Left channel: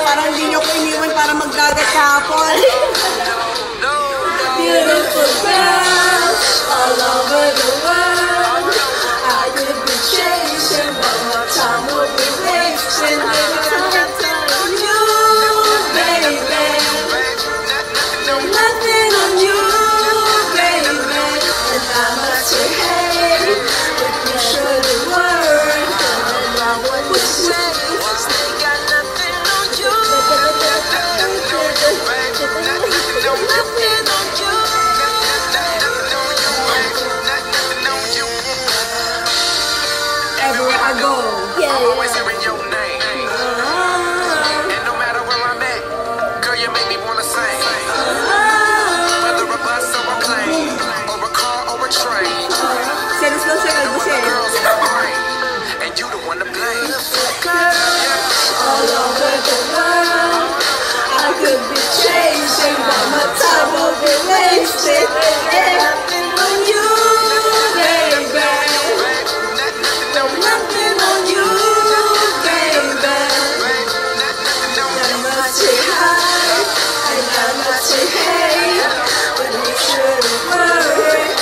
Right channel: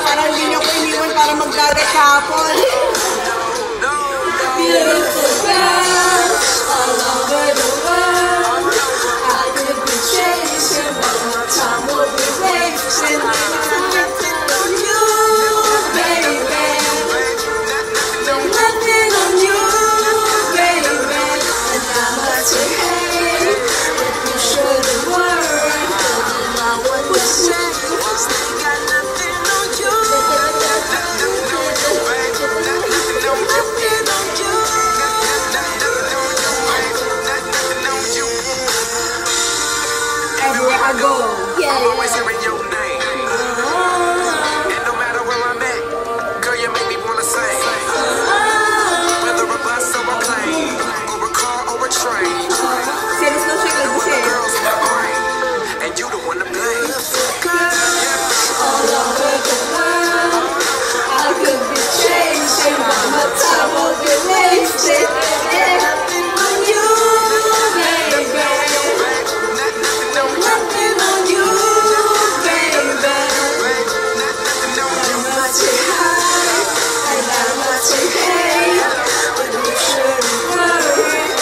Parang hindi nyo ko iniwan para magdagat kahapon. Beautiful girls all over the world. I could be chasing, but my time would be wasting. Nothing on you, baby. Nothing on you, baby. And how much you hate, but you show the world. And I want to say, they got nothing on you. Always hearing your name, and no matter where I'm at, girl, you make me wanna sing. Whether a bus or a plane, or a car or a train, you were the girls in my brain, and you the one to blame. All over the world, I could be chasing, but my time will be wasted. Nothing on you, baby. Nothing on you, baby. I'm not too high, and I'm not too hate, but you should have worried.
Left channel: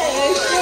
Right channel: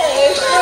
Hey,